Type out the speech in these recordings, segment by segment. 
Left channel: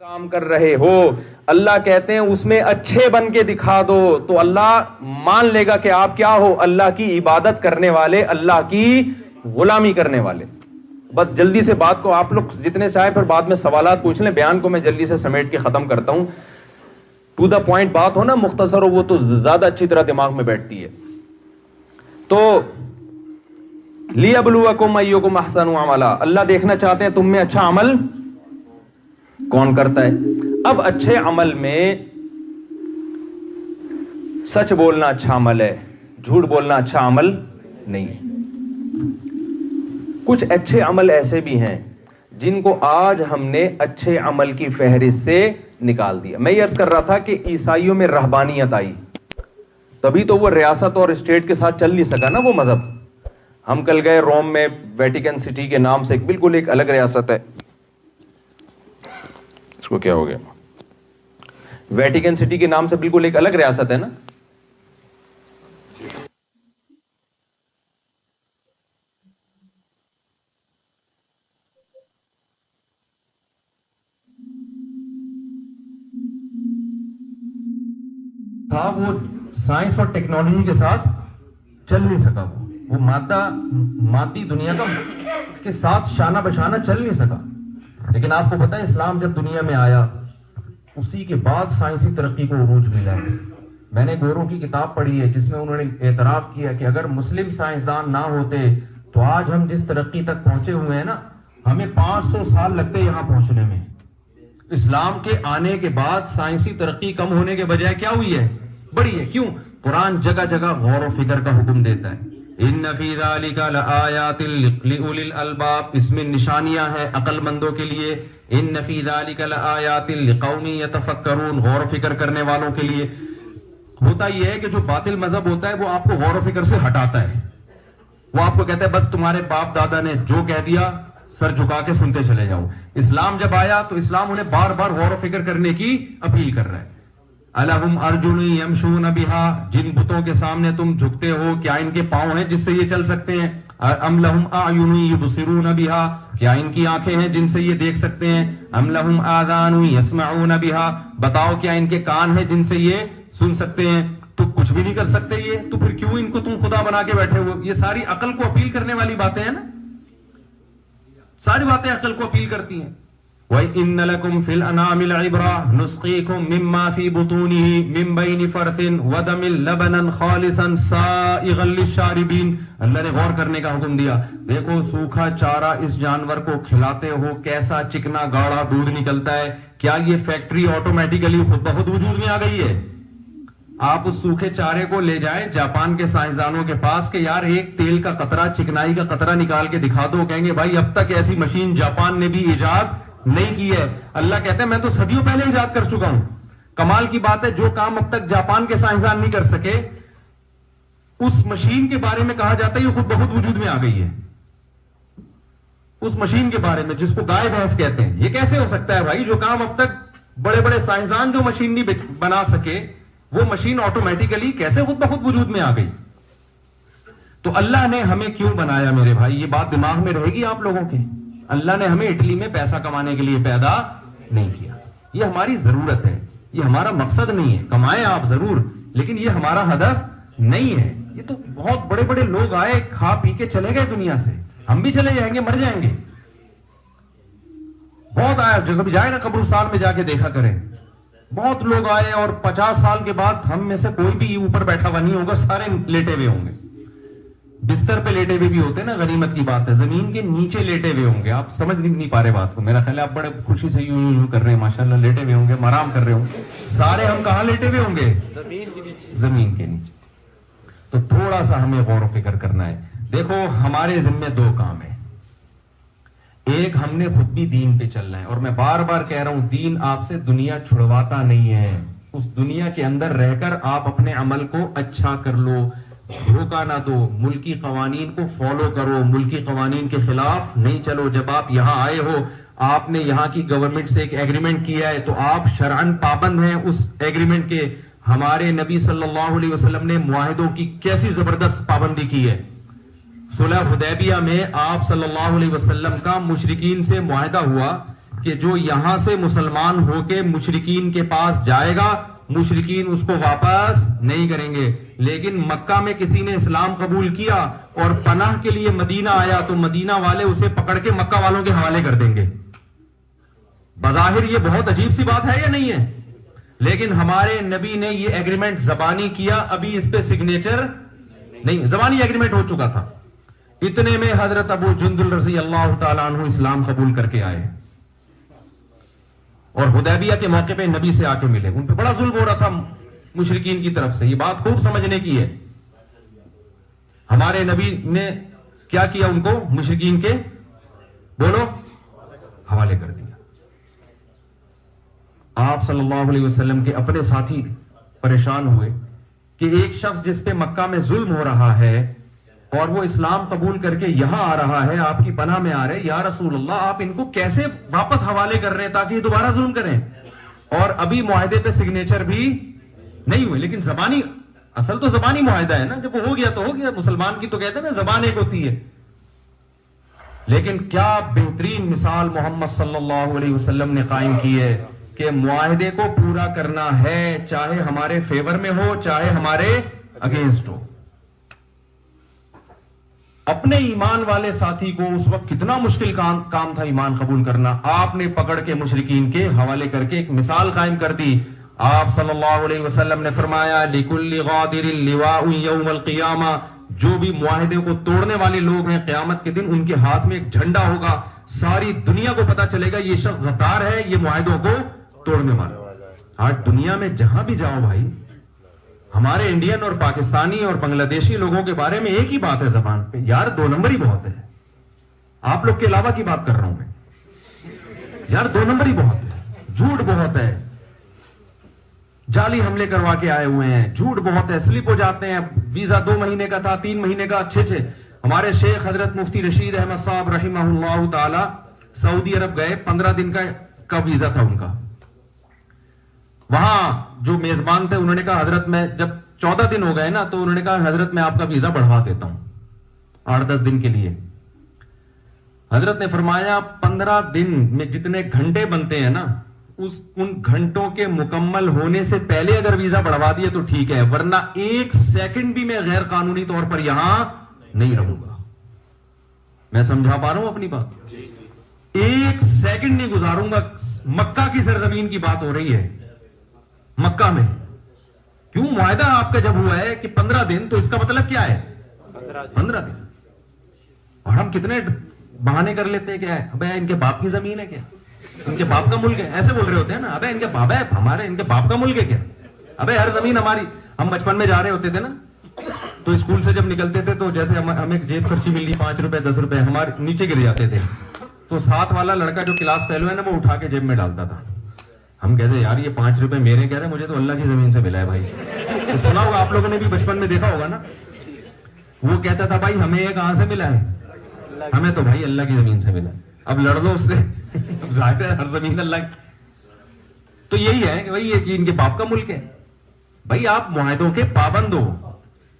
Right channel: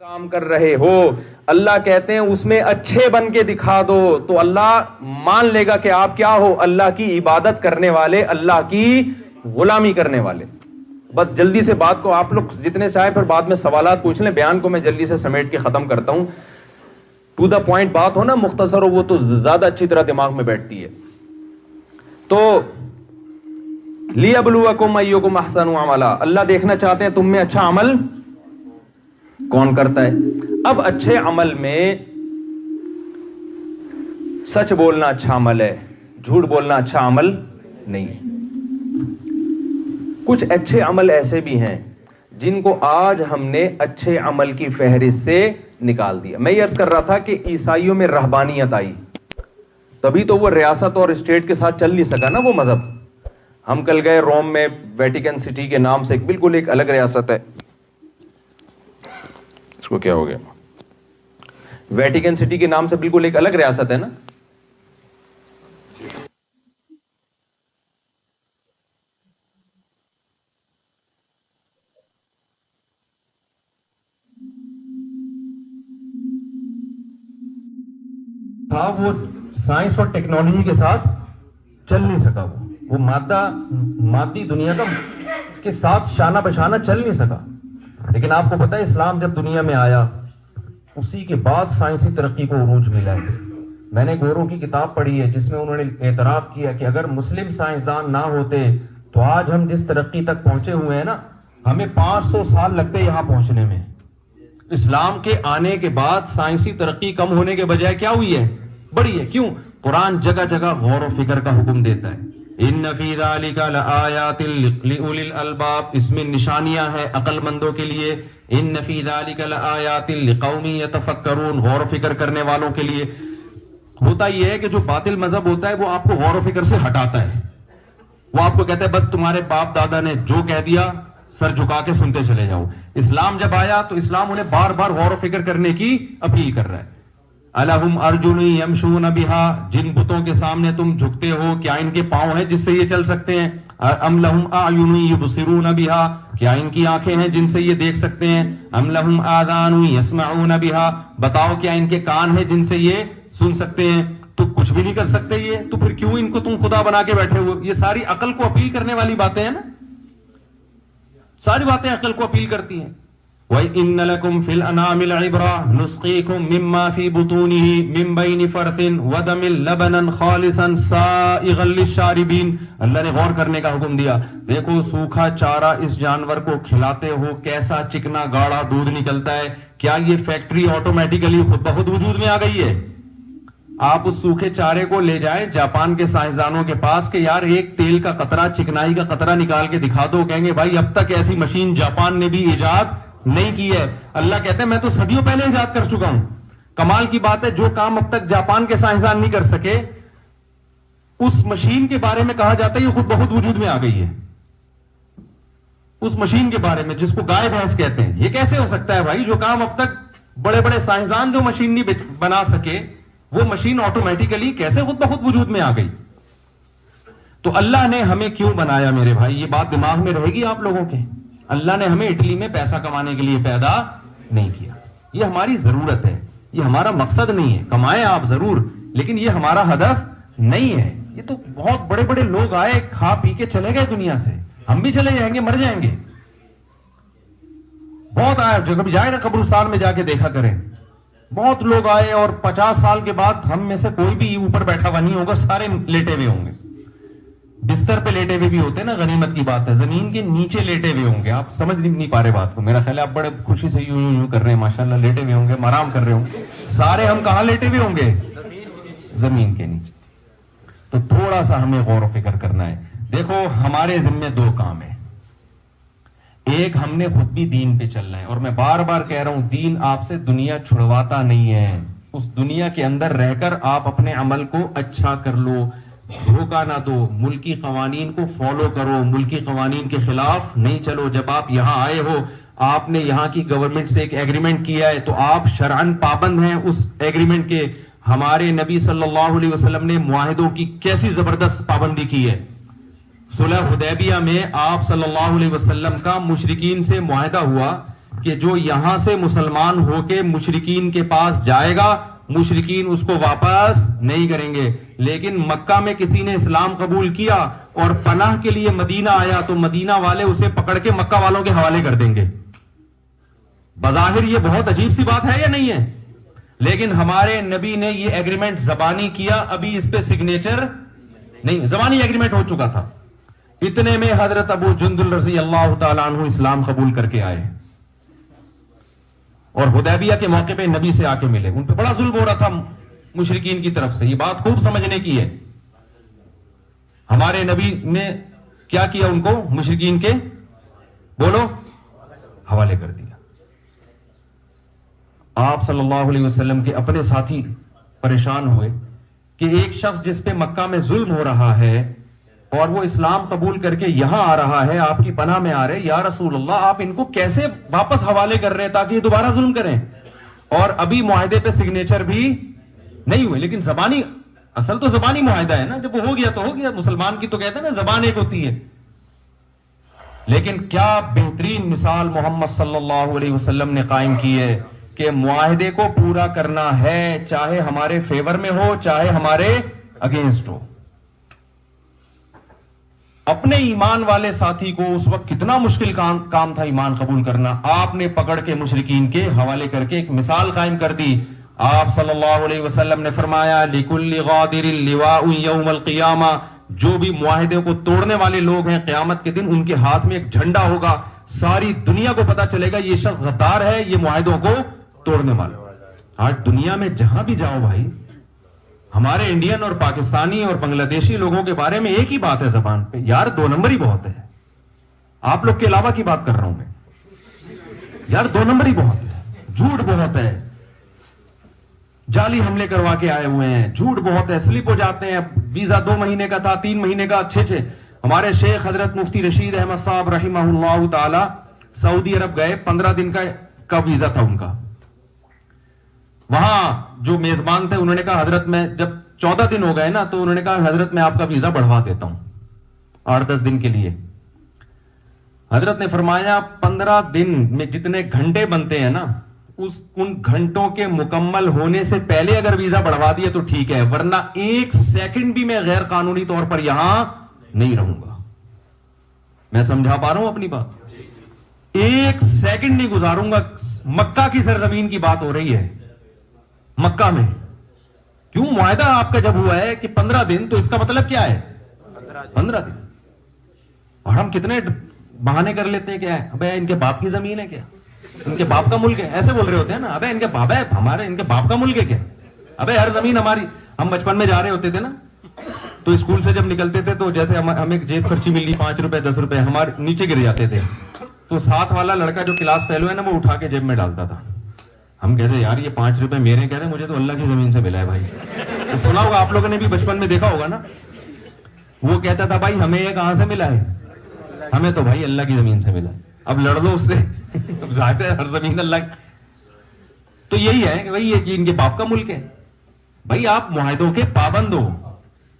کام کر رہے ہو, اللہ کہتے ہیں اس میں اچھے بن کے دکھا دو تو اللہ مان لے گا کہ آپ کیا ہو, اللہ کی عبادت کرنے والے, اللہ کی غلامی کرنے والے. بس جلدی سے بات کو آپ لوگ جتنے چاہیں پھر بعد میں سوالات پوچھ لیں, بیان کو میں جلدی سے سمیٹ کے ختم کرتا ہوں. ٹو دا پوائنٹ بات ہو نا, مختصر ہو, وہ تو زیادہ اچھی طرح دماغ میں بیٹھتی ہے. تو لِيَبْلُوَكُمْ أَيُّكُمْ أَحْسَنُ عَمَلًا, اللہ دیکھنا چاہتے ہیں تم میں اچھا عمل کون کرتا ہے. اب اچھے عمل میں سچ بولنا اچھا عمل ہے, جھوٹ بولنا اچھا عمل نہیں ہے. کچھ اچھے عمل ایسے بھی ہیں جن کو آج ہم نے اچھے عمل کی فہرست سے نکال دیا. میں یہ عرض کر رہا تھا کہ عیسائیوں میں رہبانیت آئی, تبھی تو وہ ریاست اور اسٹیٹ کے ساتھ چل نہیں سکا نا وہ مذہب. ہم کل گئے روم میں, ویٹیکن سٹی کے نام سے بالکل ایک الگ ریاست ہے, اس کو کیا ہو گیا, ویٹیکن سٹی کے نام سے بالکل ایک الگ ریاست ہے نا. وہ سائنس اور ٹیکنالوجی کے ساتھ چل نہیں سکا, وہ مادی دنیا کے ساتھ شانہ بشانہ چل نہیں سکا. لیکن آپ کو پتا ہے اسلام جب دنیا میں آیا اسی کے بعد سائنسی ترقی کو عروج ملا ہے. میں نے گورو کی کتاب پڑھی ہے جس میں انہوں نے اعتراف کیا کہ اگر مسلم سائنسدان نہ ہوتے تو آج ہم جس ترقی تک پہنچے ہوئے ہیں نا, ہمیں 500 سال لگتے یہاں پہنچنے میں. اسلام کے آنے کے بعد سائنسی ترقی کم ہونے کے بجائے کیا ہوئی ہے, بڑی ہے. کیوں؟ قرآن جگہ جگہ غور و فکر کا حکم دیتا ہے. ان فی ذلک لآیات لأولی الالباب, اس میں نشانیاں ہیں عقل مندوں کے لیے. ان فی ذلک لآیات لقوم یتفکرون, غور و فکر کرنے والوں کے لیے. ہوتا یہ ہے کہ جو باطل مذہب ہوتا ہے وہ آپ کو غور و فکر سے ہٹاتا ہے. وہ آپ کو کہتا ہے بس تمہارے باپ دادا نے جو کہہ دیا سر جھکا کے سنتے چلے جاؤ. اسلام جب آیا تو اسلام انہیں بار بار غور و فکر کرنے کی اپیل کر رہا ہے. الہم ارجل یمشون بہا, جن بتوں کے سامنے تم جھکتے ہو کیا ان کے پاؤں ہیں جس سے یہ چل سکتے ہیں؟ ام لہم اعین یبصرون بہا, کیا ان کی آنکھیں ہیں جن سے یہ دیکھ سکتے ہیں؟ ام لہم آذان یسمعون بہا, بتاؤ کیا ان کے کان ہیں جن سے یہ سن سکتے ہیں؟ تو کچھ بھی نہیں کر سکتے یہ, تو پھر کیوں ان کو تم خدا بنا کے بیٹھے ہو؟ یہ ساری عقل کو اپیل کرنے والی باتیں ہیں نا, ساری باتیں عقل کو اپیل کرتی ہیں. وَإِنَّ لَكُمْ فِي الْأَنَامِ الْعِبْرَةً نُسْقِيكُم مِّمَّا فِي بُطُونِهِ مِن بَيْنِ فَرْثٍ وَدَمٍ لَبَنًا خَالِصًا سَائِغًا لِلشَّارِبِينَ. اللہ نے غور کرنے کا حکم دیا. دیکھو سوکھا چارہ اس جانور کو کھلاتے ہو, کیسا چکنا گاڑا دودھ نکلتا ہے. کیا یہ فیکٹری آٹومیٹیکلی خود بخود وجود میں آ گئی ہے؟ آپ اس سوکھے چارے کو لے جائیں جاپان کے سائنسدانوں کے پاس کہ یار ایک تیل کا قطرہ, چکنائی کا قطرہ نکال کے دکھا دو, کہیں گے بھائی اب تک ایسی مشین جاپان نے بھی ایجاد نہیں کی ہے. اللہ کہتے ہیں میں تو صدیوں پہلے ایجاد کر چکا ہوں. کمال کی بات ہے جو کام اب تک جاپان کے سائنسدان نہیں کر سکے اس مشین کے بارے میں کہا جاتا ہے یہ خود بخود وجود میں آ گئی ہے. اس مشین کے بارے میں جس کو گائے بھینس کہتے ہیں, یہ کیسے ہو سکتا ہے بھائی؟ جو کام اب تک بڑے بڑے سائنسدان جو مشین نہیں بنا سکے وہ مشین آٹومیٹیکلی کیسے خود بخود وجود میں آ گئی؟ تو اللہ نے ہمیں کیوں بنایا میرے بھائی, یہ بات دماغ میں رہے گی آپ لوگوں کے. اللہ نے ہمیں اٹلی میں پیسہ کمانے کے لیے پیدا نہیں کیا. یہ ہماری ضرورت ہے, یہ ہمارا مقصد نہیں ہے. کمائیں آپ ضرور, لیکن یہ ہمارا ہدف نہیں ہے. یہ تو بہت بڑے بڑے لوگ آئے, کھا پی کے چلے گئے دنیا سے, ہم بھی چلے جائیں گے, مر جائیں گے. بہت آئے, جب بھی جائے نا قبرستان میں جا کے دیکھا کریں, بہت لوگ آئے اور 50 سال کے بعد ہم میں سے کوئی بھی اوپر بیٹھا ہوا نہیں ہوگا, سارے لیٹے ہوئے ہوں گے. بستر پہ لیٹے ہوئے بھی ہوتے ہیں نا, غنیمت کی بات ہے, زمین کے نیچے لیٹے ہوئے ہوں گے. آپ سمجھ نہیں پا رہے بات کو, میرا خیال ہے آپ بڑے خوشی سے یوں کر رہے ہیں, ماشاءاللہ لیٹے ہوئے ہوں گے, آرام کر رہے ہوں گے. سارے ہم کہاں لیٹے ہوئے ہوں گے؟ زمین کے نیچے. تو تھوڑا سا ہمیں غور و فکر کرنا ہے. دیکھو ہمارے ذمہ 2 کام ہیں. ایک, ہم نے خود بھی دین پہ چلنا ہے, اور میں بار بار کہہ رہا ہوں دین آپ سے دنیا چھڑواتا نہیں ہے. اس دنیا کے اندر رہ کر آپ اپنے عمل کو اچھا کر لو, دھوکہ نہ دو, ملکی قوانین کو فالو کرو, ملکی قوانین کے خلاف نہیں چلو. جب آپ یہاں آئے ہو, آپ نے یہاں کی گورنمنٹ سے ایک ایگریمنٹ کیا ہے تو آپ شرعاً پابند ہیں اس ایگریمنٹ کے. ہمارے نبی صلی اللہ علیہ وسلم نے معاہدوں کی کیسی زبردست پابندی کی ہے. صلح حدیبیہ میں آپ صلی اللہ علیہ وسلم کا مشرکین سے معاہدہ ہوا کہ جو یہاں سے مسلمان ہو کے مشرکین کے پاس جائے گا مشرکین اس کو واپس نہیں کریں گے، لیکن مکہ میں کسی نے اسلام قبول کیا اور پناہ کے لیے مدینہ آیا تو مدینہ والے اسے پکڑ کے مکہ والوں کے حوالے کر دیں گے۔ بظاہر یہ بہت عجیب سی بات ہے یا نہیں ہے؟ لیکن ہمارے نبی نے یہ ایگریمنٹ زبانی کیا، ابھی اس پہ سگنیچر نہیں، زبانی ایگریمنٹ ہو چکا تھا۔ اتنے میں حضرت ابو جندل رضی اللہ تعالیٰ عنہ اسلام قبول کر کے آئے اور حدیبیہ کے موقع پہ نبی سے آ کے ملے۔ ان پہ بڑا ظلم ہو رہا تھا مشرکین کی طرف سے، یہ بات خوب سمجھنے کی ہے۔ ہمارے نبی نے کیا کیا؟ ان کو مشرکین کے بولو حوالے کر دیا۔ آپ صلی اللہ علیہ وسلم کے اپنے ساتھی پریشان ہوئے کہ ایک شخص جس پہ مکہ میں ظلم ہو رہا ہے اور وہ اسلام قبول کر کے یہاں آ رہا ہے، آپ کی پناہ میں آ رہے، یا رسول اللہ آپ ان کو کیسے واپس حوالے کر رہے ہیں تاکہ یہ دوبارہ ظلم کریں؟ اور ابھی معاہدے پہ سگنیچر بھی نہیں ہوئے، لیکن زبانی، اصل تو زبانی معاہدہ ہے نا، جب وہ ہو گیا تو ہو گیا۔ مسلمان کی تو کہتے ہیں نا زبان ایک ہوتی ہے۔ لیکن کیا بہترین مثال محمد صلی اللہ علیہ وسلم نے قائم کی ہے کہ معاہدے کو پورا کرنا ہے، چاہے ہمارے فیور میں ہو چاہے ہمارے اگینسٹ ہو۔ اپنے ایمان والے ساتھی کو اس وقت کتنا مشکل کام تھا ایمان قبول کرنا، آپ نے پکڑ کے مشرکین کے حوالے کر کے ایک مثال قائم کر دی۔ آپ صلی اللہ علیہ وسلم نے فرمایا لِكُلِّ غَادِرٍ لِوَاءٌ يَوْمَ الْقِيَامَةِ، جو بھی معاہدے کو توڑنے والے لوگ ہیں قیامت کے دن ان کے ہاتھ میں ایک جھنڈا ہوگا، ساری دنیا کو پتا چلے گا یہ شخص غدار ہے، یہ معاہدوں کو توڑنے والا۔ آج دنیا میں جہاں بھی جاؤ بھائی، ہمارے انڈین اور پاکستانی اور بنگلہ دیشی لوگوں کے بارے میں ایک ہی بات ہے زبان پہ، یار دو نمبر ہی بہت ہے۔ آپ لوگ کے علاوہ کی بات کر رہا ہوں میں، یار دو نمبر ہی بہت ہے، جھوٹ بہت ہے، جعلی حملے کروا کے آئے ہوئے ہیں، جھوٹ بہت ہے، سلپ ہو جاتے ہیں، ویزا 2 مہینے کا تھا 3 مہینے کا 6 ہمارے شیخ حضرت مفتی رشید احمد صاحب رحمہ اللہ تعالی سعودی عرب گئے، 15 دن کا ویزا تھا ان کا۔ وہاں جو میزبان تھے انہوں نے کہا حضرت میں جب 14 دن ہو گئے نا تو انہوں نے کہا حضرت میں آپ کا ویزا بڑھوا دیتا ہوں 8-10 دن کے لیے۔ حضرت نے فرمایا 15 دن میں جتنے گھنٹے بنتے ہیں نا ان گھنٹوں کے مکمل ہونے سے پہلے اگر ویزا بڑھوا دیا تو ٹھیک ہے، ورنہ 1 سیکنڈ بھی میں غیر قانونی طور پر یہاں نہیں رہوں گا۔ میں سمجھا پا رہا ہوں اپنی بات؟ 1 سیکنڈ نہیں گزاروں گا۔ مکہ کی سرزمین کی بات ہو رہی ہے، مکہ میں کیوں معاہدہ آپ کا جب ہوا ہے کہ 15 دن تو اس کا مطلب کیا ہے 15 دن۔ اور ہم کتنے بہانے کر لیتے ہیں، کیا ہے ابے ان کے باپ کی زمین ہے، کیا ان کے باپ کا ملک ہے، ایسے بول رہے ہوتے ہیں نا، ابے ان کے باپ ہے ہمارے، ان کے باپ کا ملک ہے کیا، ابے ہر زمین ہماری۔ ہم بچپن میں جا رہے ہوتے تھے نا تو اسکول سے جب نکلتے تھے تو جیسے ہمیں جیب خرچی مل رہی 5 روپے 10 روپے ہمارے نیچے گر جاتے تھے، تو ساتھ والا لڑکا جو کلاس فیلو ہے نا وہ اٹھا کے جیب میں ڈالتا تھا۔ ہم کہتے یار یہ 5 روپے میرے، کہہ رہے مجھے تو اللہ کی زمین سے ملا ہے بھائی۔ تو سنا ہوگا آپ لوگوں نے بھی بچپن میں دیکھا ہوگا نا، وہ کہتا تھا بھائی ہمیں یہ کہاں سے ملا ہے، ہمیں تو بھائی اللہ کی زمین سے ملا ہے، اب لڑ لو اس سے، ظاہر ہے ہر زمین اللہ کی۔ تو یہی ہے وہی ہے کہ ان کے باپ کا ملک ہے بھائی، آپ معاہدوں کے پابند ہو۔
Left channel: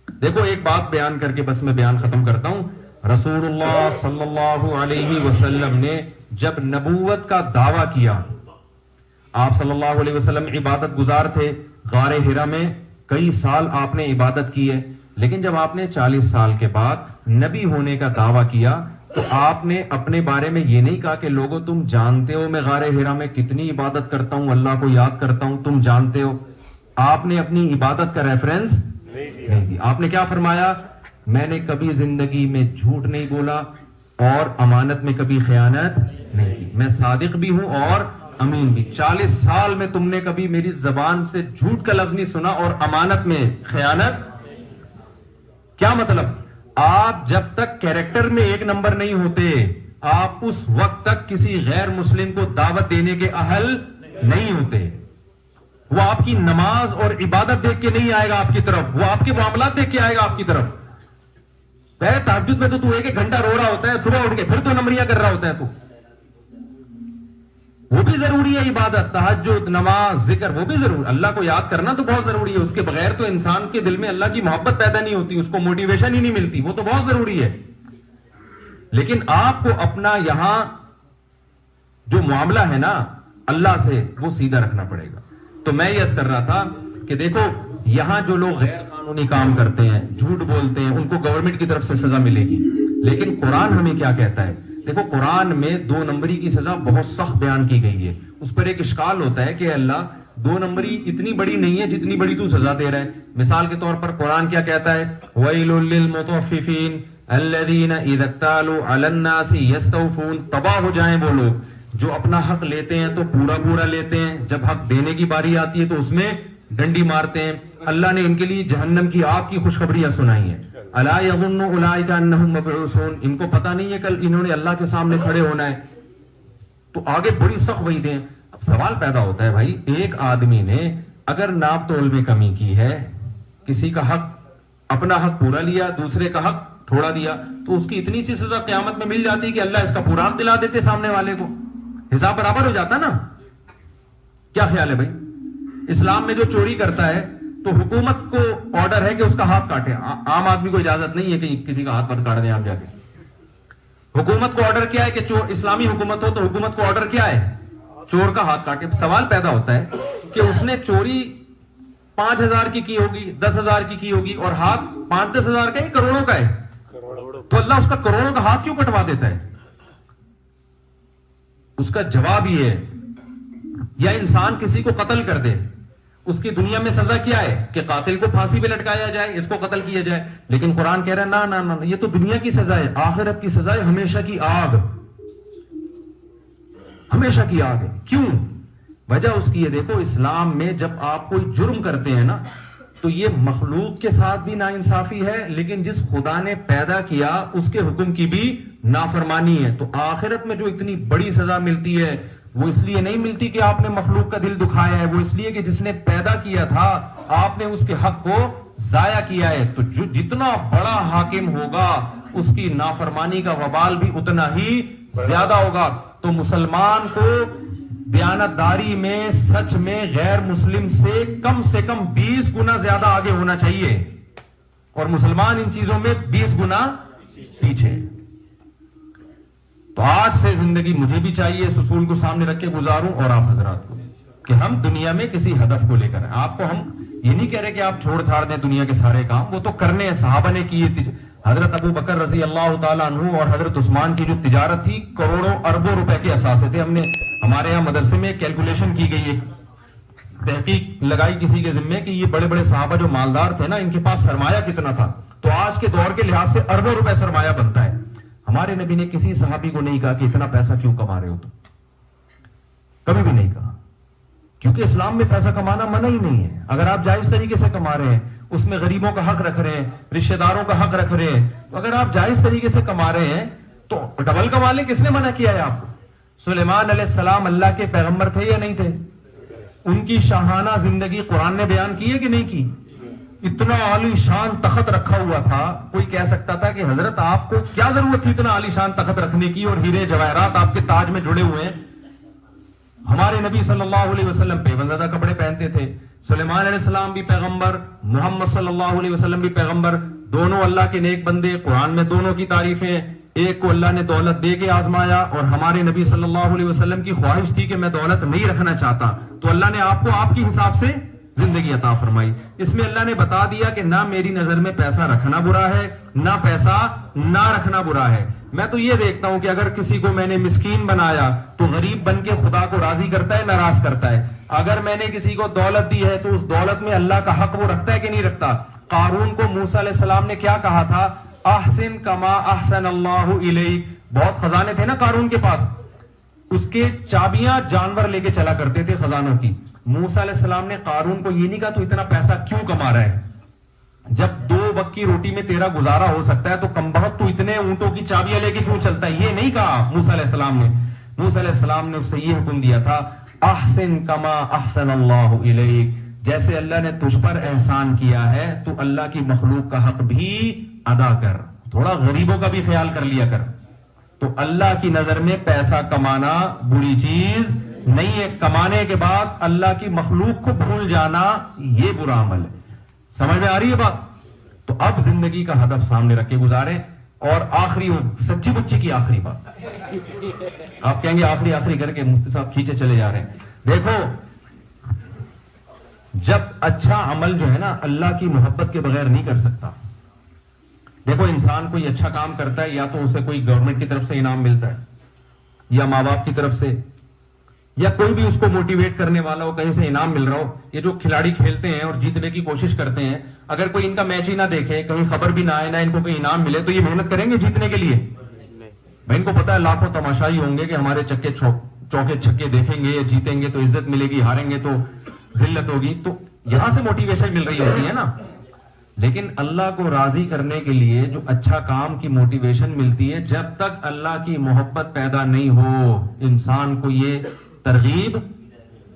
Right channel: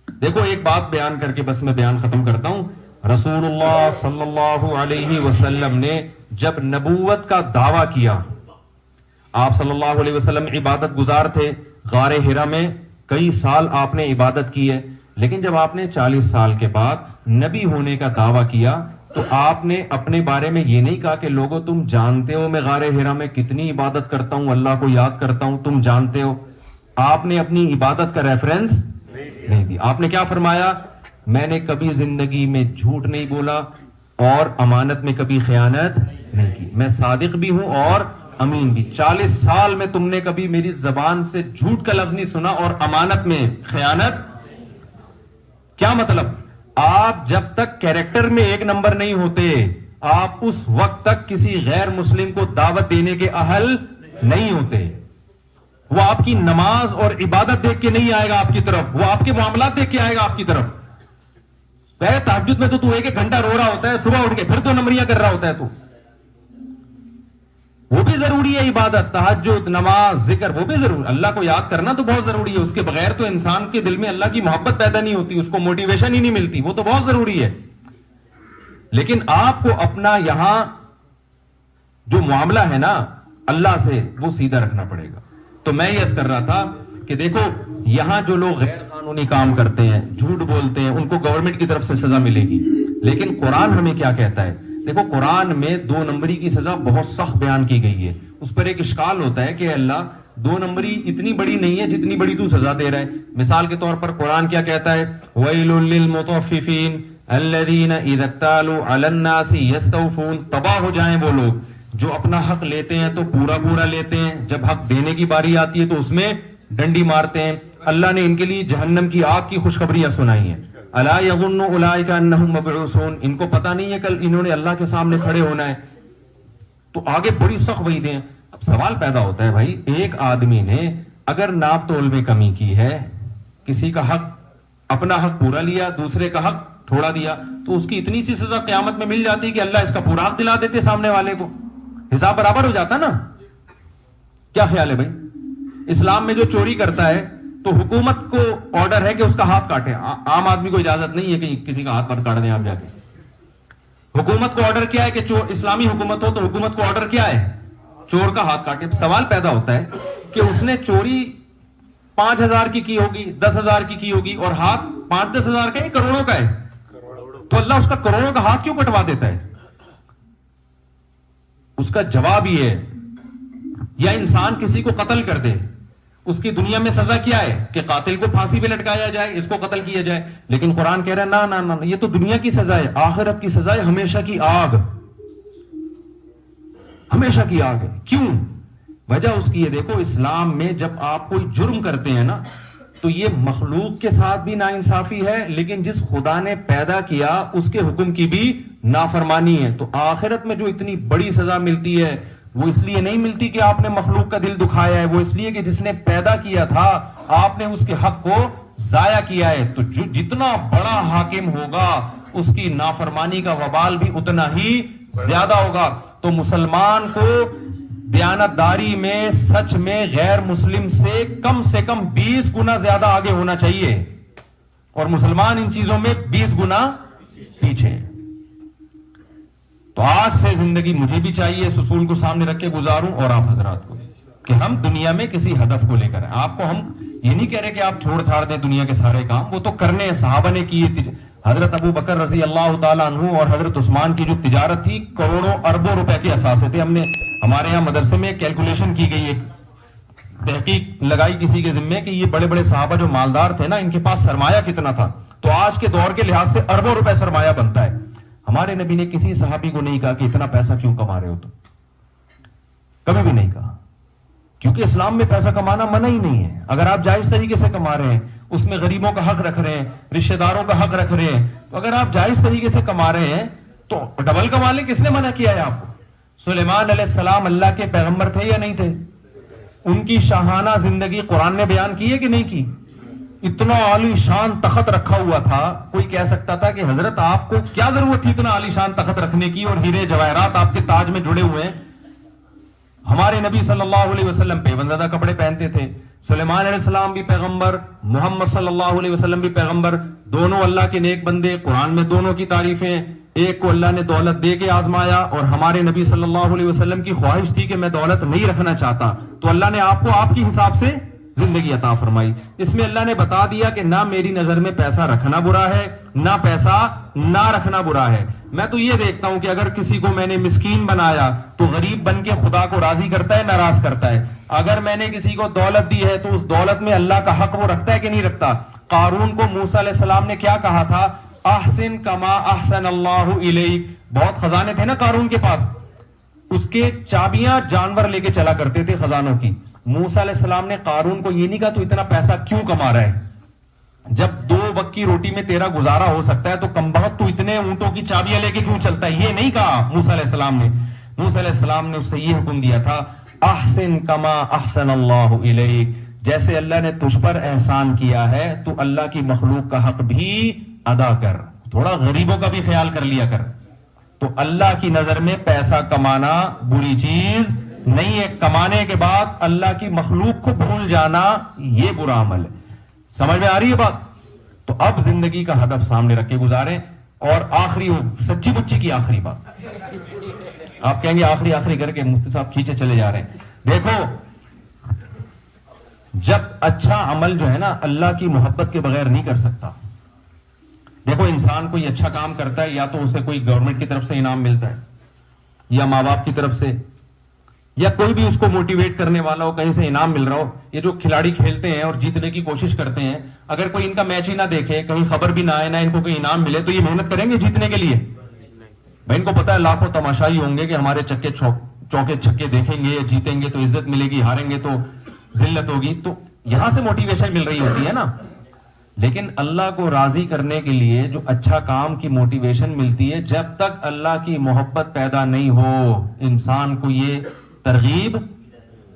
دیکھو ایک بات بیان کر کے بس میں بیان ختم کرتا ہوں۔ رسول اللہ صلی اللہ علیہ وسلم نے جب نبوت کا دعویٰ کیا، آپ صلی اللہ علیہ وسلم عبادت گزار تھے، غار حرا میں کئی سال آپ نے عبادت کی ہے، لیکن جب آپ نے 40 سال کے بعد نبی ہونے کا دعویٰ کیا تو آپ نے اپنے بارے میں یہ نہیں کہا کہ لوگوں تم جانتے ہو میں غار حرا میں کتنی عبادت کرتا ہوں، اللہ کو یاد کرتا ہوں، تم جانتے ہو۔ آپ نے اپنی عبادت کا ریفرنس نہیں دی۔ آپ نے کیا فرمایا؟ میں نے کبھی زندگی میں جھوٹ نہیں بولا اور امانت میں کبھی خیانت نہیں کی، میں صادق بھی ہوں اور امین بھی۔ 40 سال میں تم نے کبھی میری زبان سے جھوٹ کا لفظ نہیں سنا اور امانت میں خیانت۔ کیا مطلب؟ آپ جب تک کیریکٹر میں 1 نمبر نہیں ہوتے، آپ اس وقت تک کسی غیر مسلم کو دعوت دینے کے اہل نہیں ہوتے۔ وہ آپ کی نماز اور عبادت دیکھ کے نہیں آئے گا آپ کی طرف، وہ آپ کے معاملات دیکھ کے آئے گا آپ کی طرف۔ تہجد میں تو 1 گھنٹہ رو رہا ہوتا ہے، صبح اٹھ کے پھر 2 نمبریاں کر رہا ہوتا ہے، تو وہ بھی ضروری ہے عبادت، تہجد، نماز، ذکر، وہ بھی ضروری۔ اللہ کو یاد کرنا تو بہت ضروری ہے، اس کے بغیر تو انسان کے دل میں اللہ کی محبت پیدا نہیں ہوتی، اس کو موٹیویشن ہی نہیں ملتی، وہ تو بہت ضروری ہے۔ لیکن آپ کو اپنا یہاں جو معاملہ ہے نا اللہ سے وہ سیدھا رکھنا پڑے گا. تو میں یہ عرض کر رہا تھا کہ دیکھو یہاں جو لوگ غیر قانونی کام کرتے ہیں, جھوٹ بولتے ہیں, ان کو گورنمنٹ کی طرف سے سزا ملے گی, لیکن قرآن ہمیں کیا کہتا ہے؟ دیکھو قرآن میں 2 نمبری کی سزا بہت سخت بیان کی گئی ہے. اس پر ایک اشکال ہوتا ہے کہ اللہ 2 نمبری اتنی بڑی نہیں ہے جتنی بڑی تو سزا دے رہا ہے. مثال کے طور پر قرآن کیا کہتا ہے؟ وَيْلٌ لِّلْمُطَفِّفِينَ الَّذِينَ إِذَا اكْتَالُوا عَلَى النَّاسِ يَسْتَوْفُونَ. تباہ ہو جائیں وہ لوگ جو اپنا حق لیتے ہیں تو پورا پورا لیتے ہیں, جب حق دینے کی باری آتی ہے تو اس میں ڈنڈی مارتے ہیں. اللہ نے ان کے لیے جہنم کی آگ کی خوشخبریاں سنائی ہیں. الا یظن اولئک انہم مبعوثون. ان کو پتہ نہیں ہے کل انہوں نے اللہ کے سامنے کھڑے ہونا ہے. تو آگے بڑی سخت وعیدیں ہیں. اب سوال پیدا ہوتا ہے بھائی, ایک آدمی نے اگر ناپ تول میں کمی کی ہے, کسی کا حق اپنا حق پورا لیا, دوسرے کا حق تھوڑا دیا, تو اس کی اتنی سی سزا قیامت میں مل جاتی کہ اللہ اس کا پورا حق دلا دیتے سامنے والے کو, حساب برابر ہو جاتا نا. کیا خیال ہے بھائی؟ اسلام میں جو چوری کرتا ہے تو حکومت کو آرڈر ہے کہ اس کا ہاتھ کاٹے. عام آدمی کو اجازت نہیں ہے کہ کسی کا ہاتھ کاٹ دیں آپ جا کے. حکومت کو آرڈر کیا ہے کہ اسلامی حکومت ہو تو حکومت کو آرڈر کیا ہے؟ چور کا ہاتھ کاٹے. سوال پیدا ہوتا ہے کہ اس نے چوری 5,000 کی ہوگی, 10,000 کی ہوگی, اور ہاتھ 5-10 ہزار کا ہے, کروڑوں کا ہے, تو اللہ اس کا کروڑوں کا ہاتھ کیوں کٹوا دیتا ہے؟ اس کا جواب یہ ہے, یا انسان کسی کو قتل کر دے, اس کی دنیا میں سزا کیا ہے کہ قاتل کو پھانسی پہ لٹکایا جائے, اس کو قتل کیا جائے. لیکن قرآن کہہ رہا ہے نا نا نا, یہ تو دنیا کی سزا ہے, آخرت کی سزا ہے ہمیشہ کی آگ, ہمیشہ کی آگ. کیوں؟ وجہ اس کی یہ دیکھو, اسلام میں جب آپ کوئی جرم کرتے ہیں نا تو یہ مخلوق کے ساتھ بھی ناانصافی ہے, لیکن جس خدا نے پیدا کیا اس کے حکم کی بھی نافرمانی ہے. تو آخرت میں جو اتنی بڑی سزا ملتی ہے وہ اس لیے نہیں ملتی کہ آپ نے مخلوق کا دل دکھایا ہے, وہ اس لیے کہ جس نے پیدا کیا تھا آپ نے اس کے حق کو ضائع کیا ہے. تو جو جتنا بڑا حاکم ہوگا اس کی نافرمانی کا وبال بھی اتنا ہی زیادہ ہوگا. تو مسلمان کو دیانتداری میں سچ میں غیر مسلم سے کم 20 گنا زیادہ آگے ہونا چاہیے, اور مسلمان ان چیزوں میں 20 گنا پیچھے. تو آج سے زندگی مجھے بھی چاہیے اس اصول کو سامنے رکھ کے گزاروں, اور آپ حضرات کو, کہ ہم دنیا میں کسی ہدف کو لے کر, آپ کو ہم یہ نہیں کہہ رہے کہ آپ چھوڑ چھاڑ دیں دنیا کے سارے کام, وہ تو کرنے ہیں, صحابہ نے کیے. حضرت ابو بکر رضی اللہ تعالیٰ عنہ اور حضرت عثمان کی جو تجارت تھی کروڑوں اربوں روپے کے اثاثے تھے. ہمارے یہاں مدرسے میں کیلکولیشن کی گئی ہے, تحقیق لگائی کسی کے ذمے کہ یہ بڑے بڑے صحابہ جو مالدار تھے نا, ان کے پاس سرمایہ کتنا تھا, تو آج کے دور کے لحاظ سے اربوں روپے سرمایہ بنتا ہے. ہمارے نبی نے کسی صحابی کو نہیں کہا کہ اتنا پیسہ کیوں کما رہے ہو, تو کبھی بھی نہیں کہا, کیونکہ اسلام میں پیسہ کمانا منع ہی نہیں ہے. اگر آپ جائز طریقے سے کما رہے ہیں, اس میں غریبوں کا حق رکھ رہے ہیں, رشتہ داروں کا حق رکھ رہے ہیں, تو اگر آپ جائز طریقے سے کما رہے ہیں تو ڈبل کما لیں. کس نے منع کیا ہے آپ کو؟ سلیمان علیہ السلام اللہ کے پیغمبر تھے یا نہیں تھے؟ ان کی شاہانہ زندگی قرآن نے بیان کی ہے کہ نہیں کی؟ اتنا عالی شان تخت رکھا ہوا تھا, کوئی کہہ سکتا تھا کہ حضرت آپ کو کیا ضرورت تھی اتنا عالی شان تخت رکھنے کی, اور ہیرے جواہرات آپ کے تاج میں جڑے ہوئے ہیں. ہمارے نبی صلی اللہ علیہ وسلم پیوند زدہ کپڑے پہنتے تھے. سلیمان علیہ السلام بھی پیغمبر, محمد صلی اللہ علیہ وسلم بھی پیغمبر, دونوں اللہ کے نیک بندے. قرآن میں دونوں کی تعریفیں, ایک کو اللہ نے دولت دے کے آزمایا, اور ہمارے نبی صلی اللہ علیہ وسلم کی خواہش تھی کہ میں دولت نہیں رکھنا چاہتا, تو اللہ نے آپ کو آپ کی حساب سے زندگی عطا فرمائی. اس میں اللہ نے بتا دیا کہ نہ میری نظر میں پیسہ رکھنا برا ہے, نہ پیسہ نہ رکھنا برا ہے. میں تو یہ دیکھتا ہوں کہ اگر کسی کو میں نے مسکین بنایا تو غریب بن کے خدا کو راضی کرتا ہے, ناراض کرتا ہے. اگر میں نے کسی کو دولت دی ہے تو اس دولت میں اللہ کا حق وہ رکھتا ہے کہ نہیں رکھتا. قارون کو موسیٰ علیہ السلام نے کیا کہا تھا؟ احسن کما احسن اللہ الیک. بہت خزانے تھے نا قارون کے پاس, اس کے چابیاں جانور لے کے چلا کرتے تھے خزانوں کی. موسیٰ علیہ السلام نے قارون کو یہ نہیں کہا تو اتنا پیسہ کیوں کما رہا ہے, جب 2 وقت کی روٹی میں تیرا گزارا ہو سکتا ہے تو کم بہت تو اتنے اونٹوں کی چابیاں لے کے کیوں چلتا ہے, یہ نہیں کہا موسیٰ علیہ السلام نے. موسیٰ علیہ السلام نے اس سے یہ حکم دیا تھا, احسن کما احسن اللہ الیک. جیسے اللہ نے تجھ پر احسان کیا ہے تو اللہ کی مخلوق کا حق بھی ادا کر, تھوڑا غریبوں کا بھی خیال کر لیا کر. تو اللہ کی نظر میں پیسہ کمانا بری چیز نہیں ہے, کمانے کے بعد اللہ کی مخلوق کو بھول جانا یہ برا عمل ہے. سمجھ میں آ رہی ہے بات؟ تو اب زندگی کا ہدف سامنے رکھ کے گزاریں. اور آخری سچی بچی کی آخری بات, آپ کہیں گے آخری کر کے مفتی صاحب کھینچے چلے جا رہے ہیں. دیکھو جب اچھا عمل جو ہے نا اللہ کی محبت کے بغیر نہیں کر سکتا. دیکھو انسان کوئی اچھا کام کرتا ہے یا تو اسے کوئی گورنمنٹ کی طرف سے انعام ملتا ہے یا ماں باپ کی طرف سے یا کوئی بھی اس کو موٹیویٹ کرنے والا ہو, کہیں سے انعام مل رہا ہو. یہ جو کھلاڑی کھیلتے ہیں اور جیتنے کی کوشش کرتے ہیں, اگر کوئی ان کا میچ ہی نہ دیکھے, کہیں خبر بھی نہ آئے, نہ ان کو کوئی انعام ملے, تو یہ محنت کریں گے جیتنے کے لیے؟ بھائی ان کو پتا ہے لاکھوں تماشائی ہوں گے کہ ہمارے چوکے چھکے دیکھیں گے, جیتیں گے تو عزت ملے گی, ہاریں گے تو ذلت ہوگی. تو یہاں سے موٹیویشن مل رہی ہوتی ہے نا. لیکن اللہ کو راضی کرنے کے لیے جو اچھا کام کی موٹیویشن ملتی ہے, جب تک اللہ کی محبت پیدا نہیں ہو انسان کو یہ ترغیب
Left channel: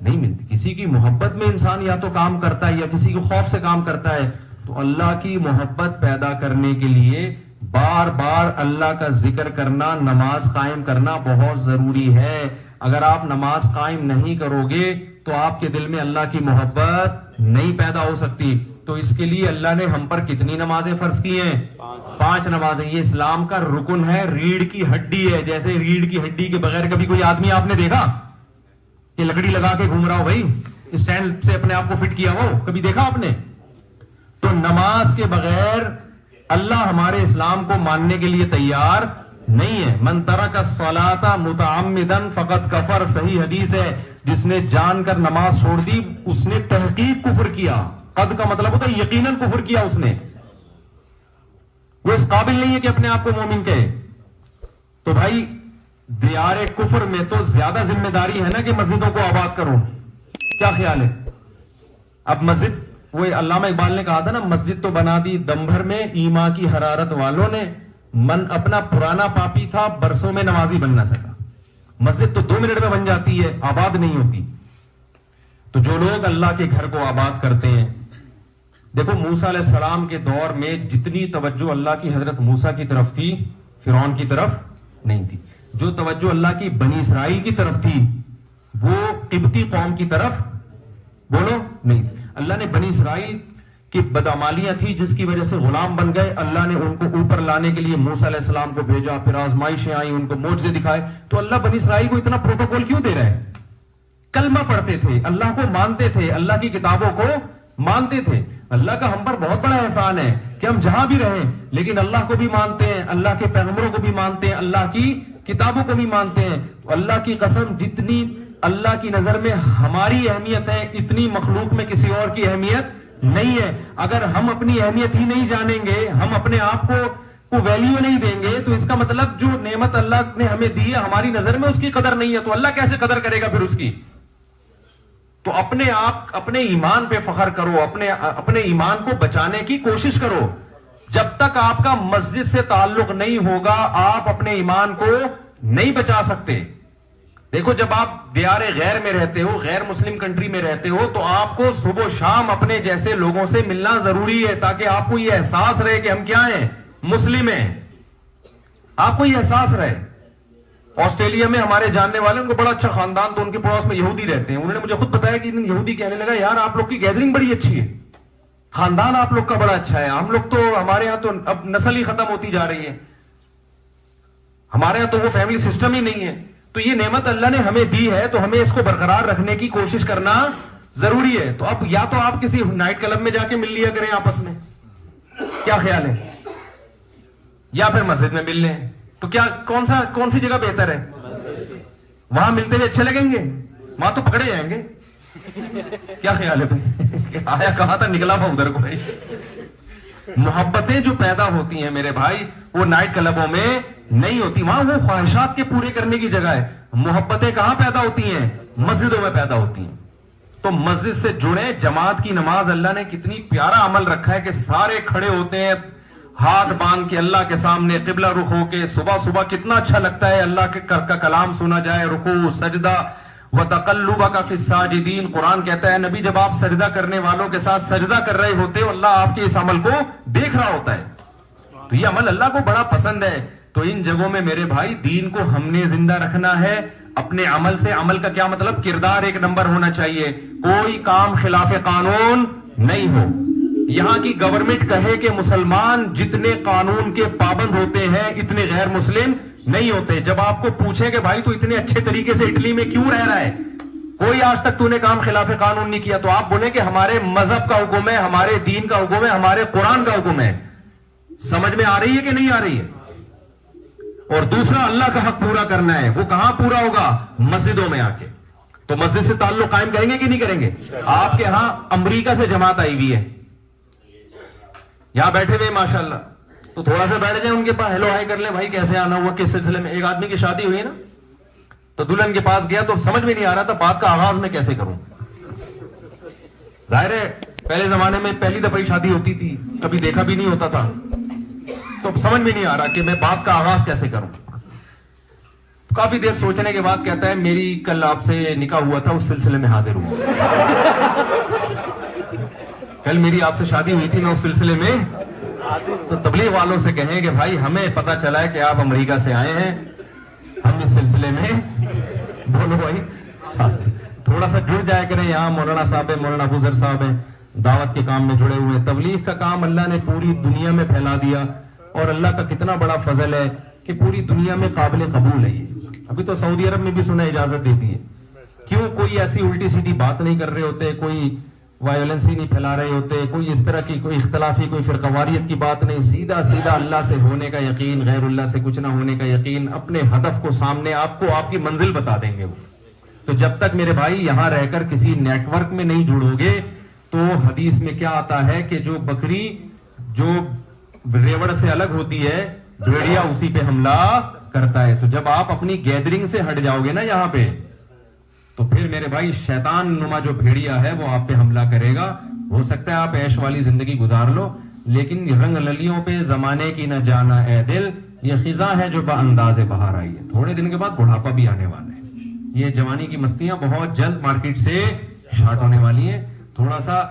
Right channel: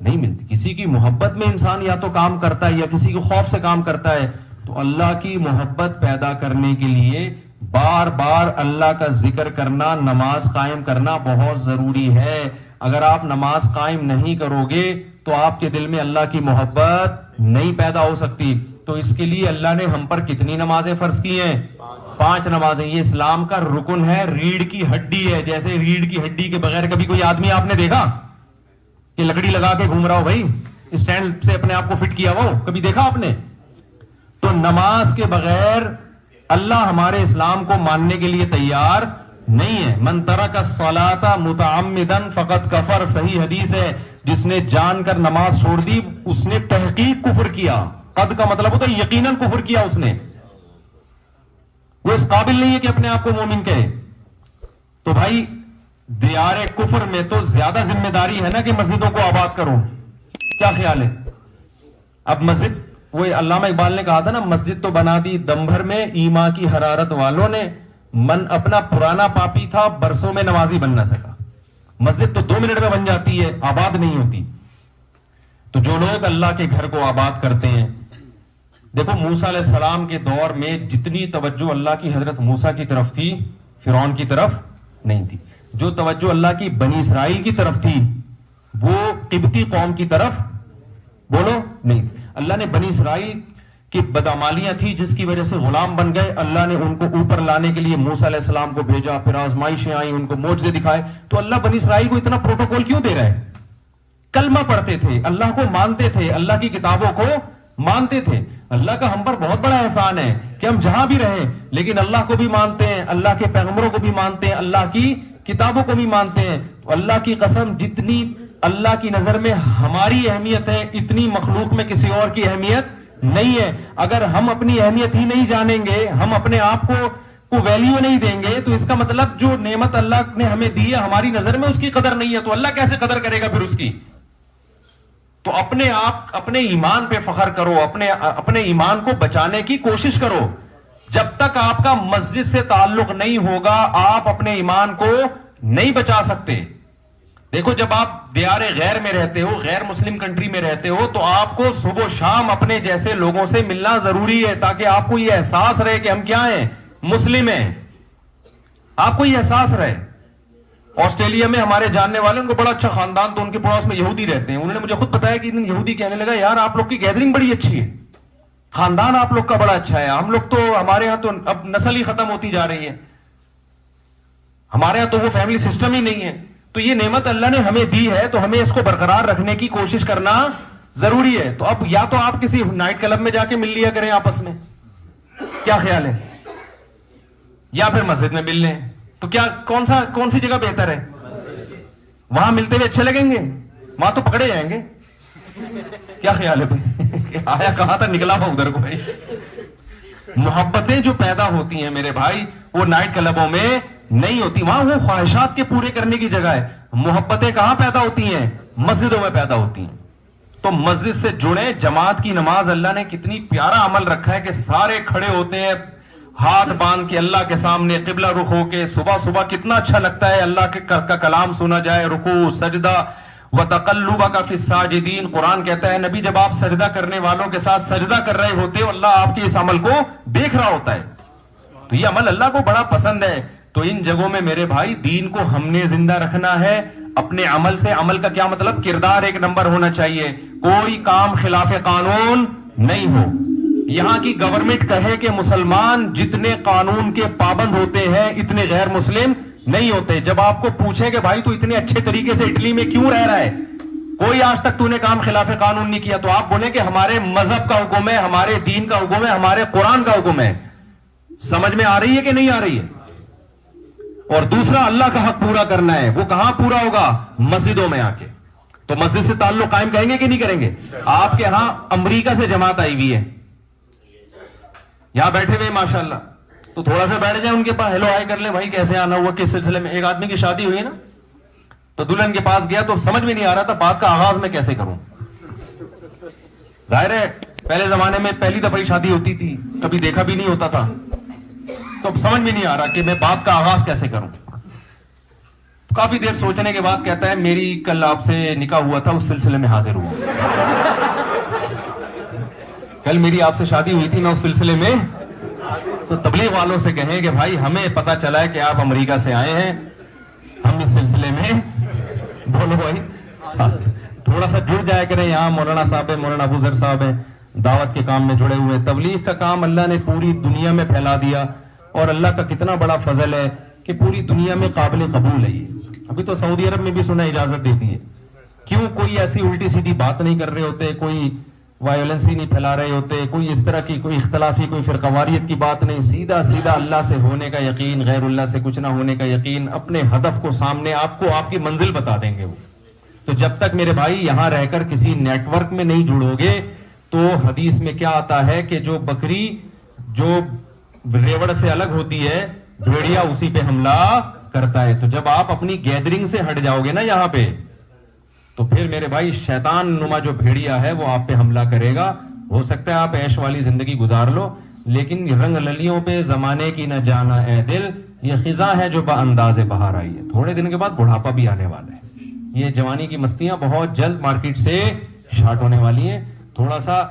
نہیں ملتی. کسی کی محبت میں انسان یا تو کام کرتا ہے یا کسی کے خوف سے کام کرتا ہے. تو اللہ کی محبت پیدا کرنے کے لیے بار بار اللہ کا ذکر کرنا, نماز قائم کرنا بہت ضروری ہے. اگر آپ نماز قائم نہیں کرو گے تو آپ کے دل میں اللہ کی محبت نہیں پیدا ہو سکتی. تو اس کے لیے اللہ نے ہم پر کتنی نمازیں فرض کی ہیں؟ 5 نمازیں. یہ اسلام کا رکن ہے, ریڑھ کی ہڈی ہے. جیسے ریڑھ کی ہڈی کے بغیر کبھی کوئی آدمی آپ نے دیکھا کہ لکڑی لگا کے گھوم رہا ہو بھائی, اسٹینڈ سے اپنے آپ کو فٹ کیا ہو, کبھی دیکھا آپ نے؟ تو نماز کے بغیر اللہ ہمارے اسلام کو ماننے کے لیے تیار نہیں ہے. من ترک الصلاۃ متعمدا فقد کفر, صحیح حدیث ہے. جس نے جان کر نماز چھوڑ دی اس نے تحقیق کفر کیا. قد کا مطلب ہوتا ہے یقیناً کفر کیا اس نے. وہ اس قابل نہیں ہے کہ اپنے آپ کو مومن کہے. تو بھائی دیار کفر میں تو زیادہ ذمہ داری ہے نا کہ مسجدوں کو آباد کرو. کیا خیال ہے؟ اب مسجد, وہ علامہ اقبال نے کہا تھا نا, مسجد تو بنا دی دم بھر میں ایما کی حرارت والوں نے, من اپنا پرانا پاپی تھا برسوں میں نمازی بن نہ سکا. مسجد تو 2 منٹ میں بن جاتی ہے, آباد نہیں ہوتی. تو جو لوگ اللہ کے گھر کو آباد کرتے ہیں, دیکھو موسیٰ علیہ السلام کے دور میں جتنی توجہ اللہ کی حضرت موسیٰ کی طرف تھی فرعون کی طرف نہیں تھی. جو توجہ اللہ کی بنی اسرائیل کی طرف تھی وہ قبطی قوم کی طرف بولو نہیں تھی. اللہ نے بنی اسرائیل کی بدعمالیاں تھی جس کی وجہ سے غلام بن گئے, اللہ نے ان کو اوپر لانے کے لیے موسیٰ علیہ السلام کو بھیجا, پھر آزمائشیں آئیں, ان کو معجزے دکھائے. تو اللہ بنی اسرائیل کو اتنا پروٹوکول کیوں دے رہا ہے؟ کلمہ پڑھتے تھے, اللہ کو مانتے تھے, اللہ کی کتابوں کو مانتے تھے. اللہ کا ہم پر بہت بڑا احسان ہے کہ ہم جہاں بھی رہیں لیکن اللہ کو بھی مانتے ہیں, اللہ کے پیغمبروں کو بھی مانتے ہیں, اللہ کی کتابوں کو بھی مانتے ہیں. تو اللہ کی قسم جتنی اللہ کی نظر میں ہماری اہمیت ہے اتنی مخلوق میں کسی اور کی اہمیت نہیں ہے. اگر ہم اپنی اہمیت ہی نہیں جانیں گے, ہم اپنے آپ کو ویلیو نہیں دیں گے, تو اس کا مطلب جو نعمت اللہ نے ہمیں دی ہے ہماری نظر میں اس کی قدر نہیں ہے. تو اللہ کیسے قدر کرے گا پھر اس کی؟ تو اپنے آپ اپنے ایمان پہ فخر کرو, اپنے ایمان کو بچانے کی کوشش کرو. جب تک آپ کا مسجد سے تعلق نہیں ہوگا آپ اپنے ایمان کو نہیں بچا سکتے. دیکھو جب آپ دیار غیر میں رہتے ہو, غیر مسلم کنٹری میں رہتے ہو, تو آپ کو صبح و شام اپنے جیسے لوگوں سے ملنا ضروری ہے تاکہ آپ کو یہ احساس رہے کہ ہم کیا ہیں, مسلم ہیں. آپ کو یہ احساس رہے. آسٹریلیا میں ہمارے جاننے والے, ان کو بڑا اچھا خاندان, تو ان کے پڑوس میں یہودی رہتے ہیں. انہوں نے مجھے خود بتایا کہ یہودی کہنے لگا یار آپ لوگ کی گیدرنگ بڑی اچھی ہے, خاندان آپ لوگ کا بڑا اچھا ہے. ہم لوگ تو ہمارے ہاں تو اب نسل ہی ختم ہوتی جا رہی ہے, ہمارے ہاں تو وہ فیملی سسٹم ہی نہیں ہے. تو یہ نعمت اللہ نے ہمیں دی ہے تو ہمیں اس کو برقرار رکھنے کی کوشش کرنا ضروری ہے. تو اب یا تو آپ کسی نائٹ کلب میں جا کے مل لیا کریں آپس میں, کیا خیال ہے, یا پھر مسجد میں مل لیں. تو کیا کون سی جگہ بہتر ہے؟ وہاں ملتے ہوئے اچھے لگیں گے, وہاں تو پکڑے جائیں گے. کیا خیال ہے بھائی؟ آیا کہا تھا نکلا ہوا ادھر کو. بھائی محبتیں جو پیدا ہوتی ہیں میرے بھائی وہ نائٹ کلبوں میں نہیں ہوتی, وہاں وہ خواہشات کے پورے کرنے کی جگہ ہے. محبتیں کہاں پیدا ہوتی ہیں؟ مسجدوں میں پیدا ہوتی ہیں. تو مسجد سے جڑے. جماعت کی نماز اللہ نے کتنی پیارا عمل رکھا ہے کہ سارے کھڑے ہوتے ہیں ہاتھ باندھ کے اللہ کے سامنے قبلہ رخ ہو کے. صبح صبح کتنا اچھا لگتا ہے اللہ کا کلام سنا جائے, رکوع سجدہ وَتَقَلُّبَكَ فِي السَّاجِدِينَ. قرآن کہتا ہے نبی جب آپ سجدہ کرنے والوں کے ساتھ سجدہ کر رہے ہوتے ہو اللہ آپ کے اس عمل کو دیکھ رہا ہوتا ہے. تو یہ عمل اللہ کو بڑا پسند ہے. تو ان جگہوں میں میرے بھائی دین کو ہم نے زندہ رکھنا ہے اپنے عمل سے. عمل کا کیا مطلب؟ کردار ایک نمبر ہونا چاہیے, کوئی کام خلاف قانون نہیں ہو. یہاں کی گورنمنٹ کہے کہ مسلمان جتنے قانون کے پابند ہوتے ہیں اتنے غیر مسلم نہیں ہوتے. جب آپ کو پوچھیں کہ بھائی تو اتنے اچھے طریقے سے اٹلی میں کیوں رہ رہا ہے, کوئی آج تک تو نے کام خلاف قانون نہیں کیا, تو آپ بولیں کہ ہمارے مذہب کا حکم ہے, ہمارے دین کا حکم ہے, ہمارے قرآن کا حکم ہے. سمجھ میں آ رہی ہے کہ نہیں آ رہی ہے؟ اور دوسرا, اللہ کا حق پورا کرنا ہے. وہ کہاں پورا ہوگا؟ مسجدوں میں آ کے. تو مسجد سے تعلق قائم کریں گے کہ نہیں کریں گے؟ آپ کے ہاں امریکہ سے جماعت آئی ہوئی ہے, یہاں بیٹھے ہوئے ماشاءاللہ, تو تھوڑا سا بیٹھ جائیں ان کے پاس, ہیلو ہائی کر لیں, بھائی کیسے آنا ہوا, کس سلسلے میں. ایک آدمی کی شادی ہوئی نا, تو دلہن کے پاس گیا تو سمجھ میں نہیں آ رہا تھا بات کا آغاز میں کیسے کروں. ظاہر ہے پہلے زمانے میں پہلی دفعہ شادی ہوتی تھی, کبھی دیکھا بھی نہیں ہوتا تھا, تو سمجھ میں نہیں آ رہا کہ میں بات کا آغاز کیسے کروں. کافی دیر سوچنے کے بعد کہتا ہے میری کل آپ سے نکاح ہوا تھا, اس سلسلے میں حاضر ہوا. کل میری آپ سے شادی ہوئی تھی, میں اس سلسلے میں. تو تبلیغ والوں سے کہیں کہ بھائی ہمیں پتا چلا ہے کہ آپ امریکہ سے آئے ہیں, ہم اس سلسلے میں بولو بھائی تھوڑا سا جڑ جایا کریں. یہاں مولانا صاحب ہیں, مولانا ابو ذر صاحب ہیں, دعوت کے کام میں جڑے ہوئے. تبلیغ کا کام اللہ نے پوری دنیا میں پھیلا دیا, اور اللہ کا کتنا بڑا فضل ہے کہ پوری دنیا میں قابل قبول ہے. یہ ابھی تو سعودی عرب میں بھی سنا اجازت دیتی ہے. کیوں؟ کوئی ایسی الٹی سیدھی بات نہیں کر رہے ہوتے, کوئی وائلنس ہی نہیں پھیلا رہے ہوتے, کوئی اس طرح کی کوئی اختلافی کوئی فرقواریت کی بات نہیں. سیدھا سیدھا اللہ سے ہونے کا یقین, غیر اللہ سے کچھ نہ ہونے کا یقین, اپنے ہدف کو سامنے, آپ کو آپ کی منزل بتا دیں گے وہ. تو جب تک میرے بھائی یہاں رہ کر کسی نیٹ ورک میں نہیں جڑو گے, تو حدیث میں کیا آتا ہے کہ جو بکری جو ریوڑ سے الگ ہوتی ہے, بھیڑیا اسی پہ حملہ کرتا ہے. تو جب آپ اپنی گیدرنگ سے ہٹ جاؤ گے نا یہاں پہ, تو پھر میرے بھائی شیطان نما جو بھیڑیا ہے وہ آپ پہ حملہ کرے گا. ہو سکتا ہے آپ عیش والی زندگی گزار لو, لیکن رنگ للیوں پہ زمانے کی نہ جانا اے دل, یہ خزاں ہے جو بانداز بہار آئی ہے. تھوڑے دن کے بعد بڑھاپا بھی آنے والا ہے. یہ جوانی کی مستیاں بہت جلد مارکیٹ سے شارٹ ہونے والی ہیں. تھوڑا سا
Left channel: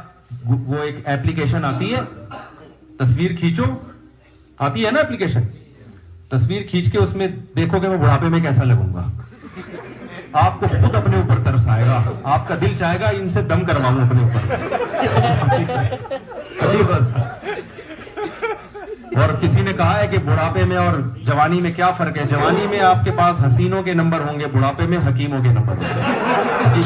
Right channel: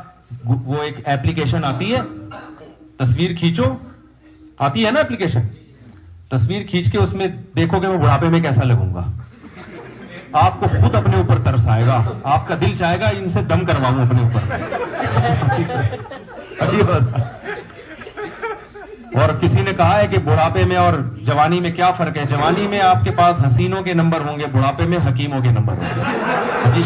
وہ ایک ایپلیکیشن آتی ہے, تصویر کھینچو, آتی ہے نا ایپلیکیشن, تصویر کھینچ کے اس میں دیکھو کہ میں بڑھاپے میں کیسا لگوں گا. آپ کو خود اپنے اوپر ترس آئے گا, آپ کا دل چاہے گا ان سے دم کرواؤں اپنے اوپر. اور کسی نے کہا ہے کہ بڑھاپے میں اور جوانی میں کیا فرق ہے. جوانی میں آپ کے پاس حسینوں کے نمبر ہوں گے, بڑھاپے میں حکیموں کے نمبر ہوں گے.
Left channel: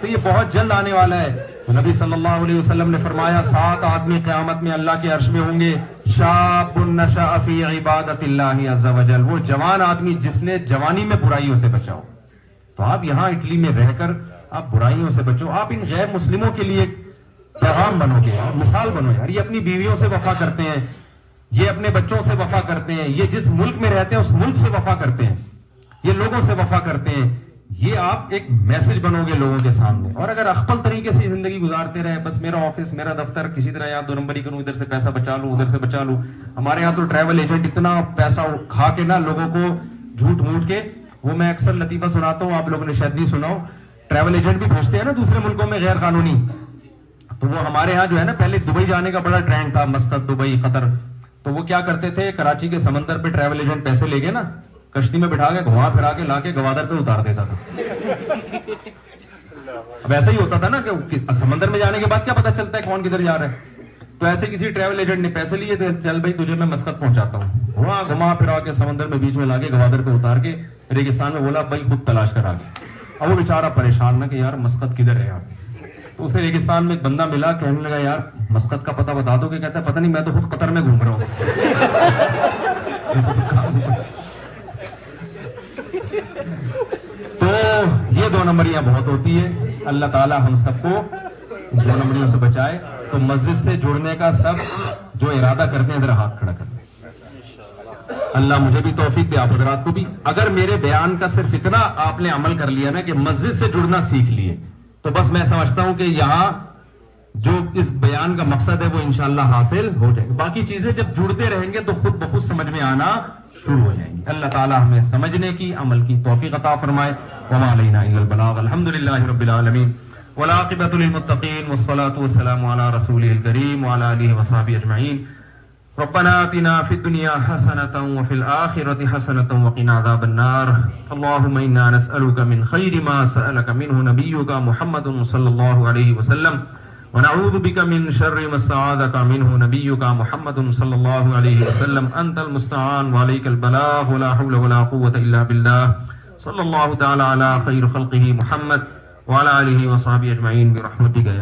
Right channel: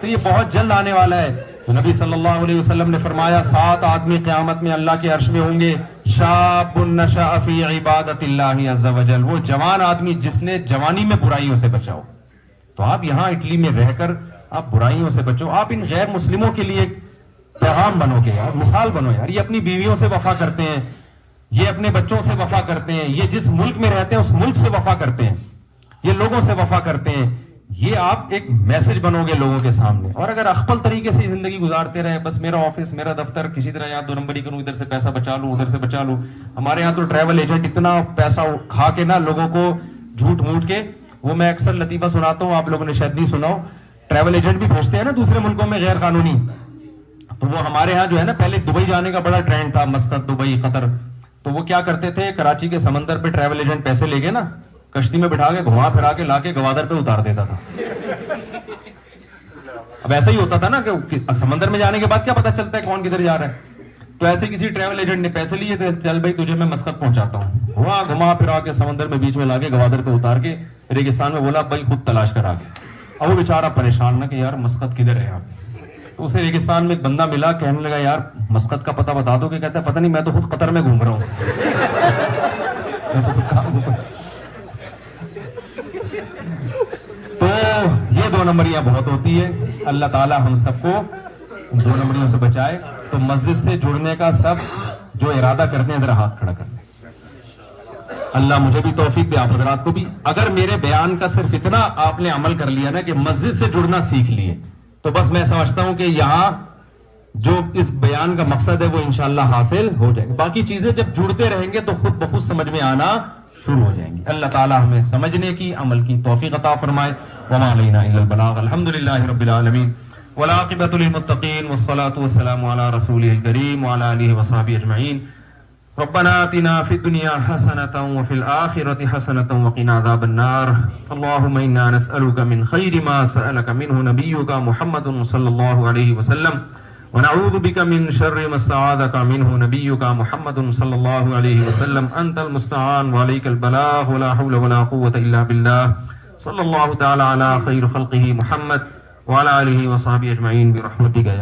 تو یہ بہت جلد آنے والا ہے. نبی صلی اللہ علیہ وسلم نے فرمایا 7 آدمی قیامت میں اللہ کے عرش میں ہوں گے. شاب نشأ فی عبادت اللہ عز وجل, وہ جوان آدمی جس نے جوانی میں برائیوں سے بچاؤ. تو آپ یہاں اٹلی میں رہ کر آپ برائیوں سے بچو. آپ ان غیر مسلموں کے لیے پیغام بنو گے یار, مثال بنو یار. یہ اپنی بیویوں سے وفا کرتے ہیں, یہ اپنے بچوں سے وفا کرتے ہیں, یہ جس ملک میں رہتے ہیں اس ملک سے وفا کرتے ہیں, یہ لوگوں سے وفا کرتے ہیں. یہ آپ ایک میسج بنو گے لوگوں کے سامنے. اور اگر اخپل طریقے سے زندگی گزارتے رہے, بس میرا آفس, میرا دفتر, کسی طرح یہاں 2 نمبری کروں, ادھر سے پیسہ بچا لوں, ادھر سے بچا لوں. ہمارے یہاں تو ٹریول ایجنٹ اتنا پیسہ کھا کے نا لوگوں کو جھوٹ موٹ کے, وہ میں اکثر لطیفہ سناتا ہوں, آپ لوگوں نے شاید نہیں سنا ہو. ٹریول ایجنٹ بھی بھیجتے ہیں نا دوسرے ملکوں میں غیر قانونی. تو وہ ہمارے ہاں جو ہے نا, پہلے دبئی جانے کا بڑا ٹرینڈ تھا, مسقط, دبئی, قطر. تو وہ کیا کرتے تھے, کراچی کے سمندر پہ ٹریول ایجنٹ پیسے لے کے نا کشتی میں بٹھا کے گھما پھرا کے لا کے گوادر پہ اتار دیتا تھا. اب ایسا ہی ہوتا تھا نا کہ سمندر میں جانے کے بعد کیا پتا چلتا ہے کون کدھر جا رہا ہے. تو ایسے کسی ٹریول ایجنٹ نے پیسے لیے تھے, چل بھائی تجھے میں مسقط پہنچاتا ہوں, وہاں گھما پھرا کے سمندر میں بیچ میں لا کے گوادر پہ اتار کے ریگستان میں بولا بھائی خود تلاش کرا کے. اب وہ بیچارہ پریشان نہ کہ یار مسقط کدھر ہے. تو اسے ریگستان میں ایک بندہ ملا, کہنے لگا یار مسقط کا پتہ بتا دو. کہ کہتا ہے پتہ نہیں, میں تو خود قطر میں گھوم رہا ہوں. تو یہ 2 نمبریاں بہت ہوتی ہے. اللہ تعالی ہم سب کو 2 نمبریوں سے بچائے. تو مسجد سے جڑنے کا سب جو ارادہ کرتے ہیں ذرا ہاتھ کھڑا کریں. اللہ مجھے بھی توفیق دے, آپ حضرات کو بھی. اگر میرے بیان کا صرف اتنا آپ نے عمل کر لیا نا کہ مسجد سے جڑنا سیکھ لیے, تو بس میں سمجھتا ہوں کہ یہاں جو اس بیان کا مقصد ہے وہ انشاءاللہ حاصل ہو جائے گا. باقی چیزیں جب جڑتے رہیں گے تو خود بخود سمجھ میں آنا شروع ہو جائیں گی. اللہ تعالی ہمیں سمجھنے کی, عمل کی توفیق عطا فرمائے. وما علینا الا البلاغ. الحمدللہ رب العالمین, والعاقبۃ للمتقین, والصلاة والسلام علی رسولہ الکریم وعلی آلہ وصحبہ اجمعین. ربنا آتنا فی الدنیا حسنۃ وفی الآخرۃ حسنۃ وقنا عذاب النار. اللهم انا نسألک من خیر ما سألک منہ نبیک محمد صلی اللہ علیہ وسلم, ونعوذ بك من شر ما استعاذك منه نبيك محمد صلى الله عليه وسلم أنت المستعان وعليك البلاغ ولا حول ولا قوة إلا بالله صلى الله تعالى على خير خلقه محمد وعلى آله وصحبه أجمعين برحمتك يا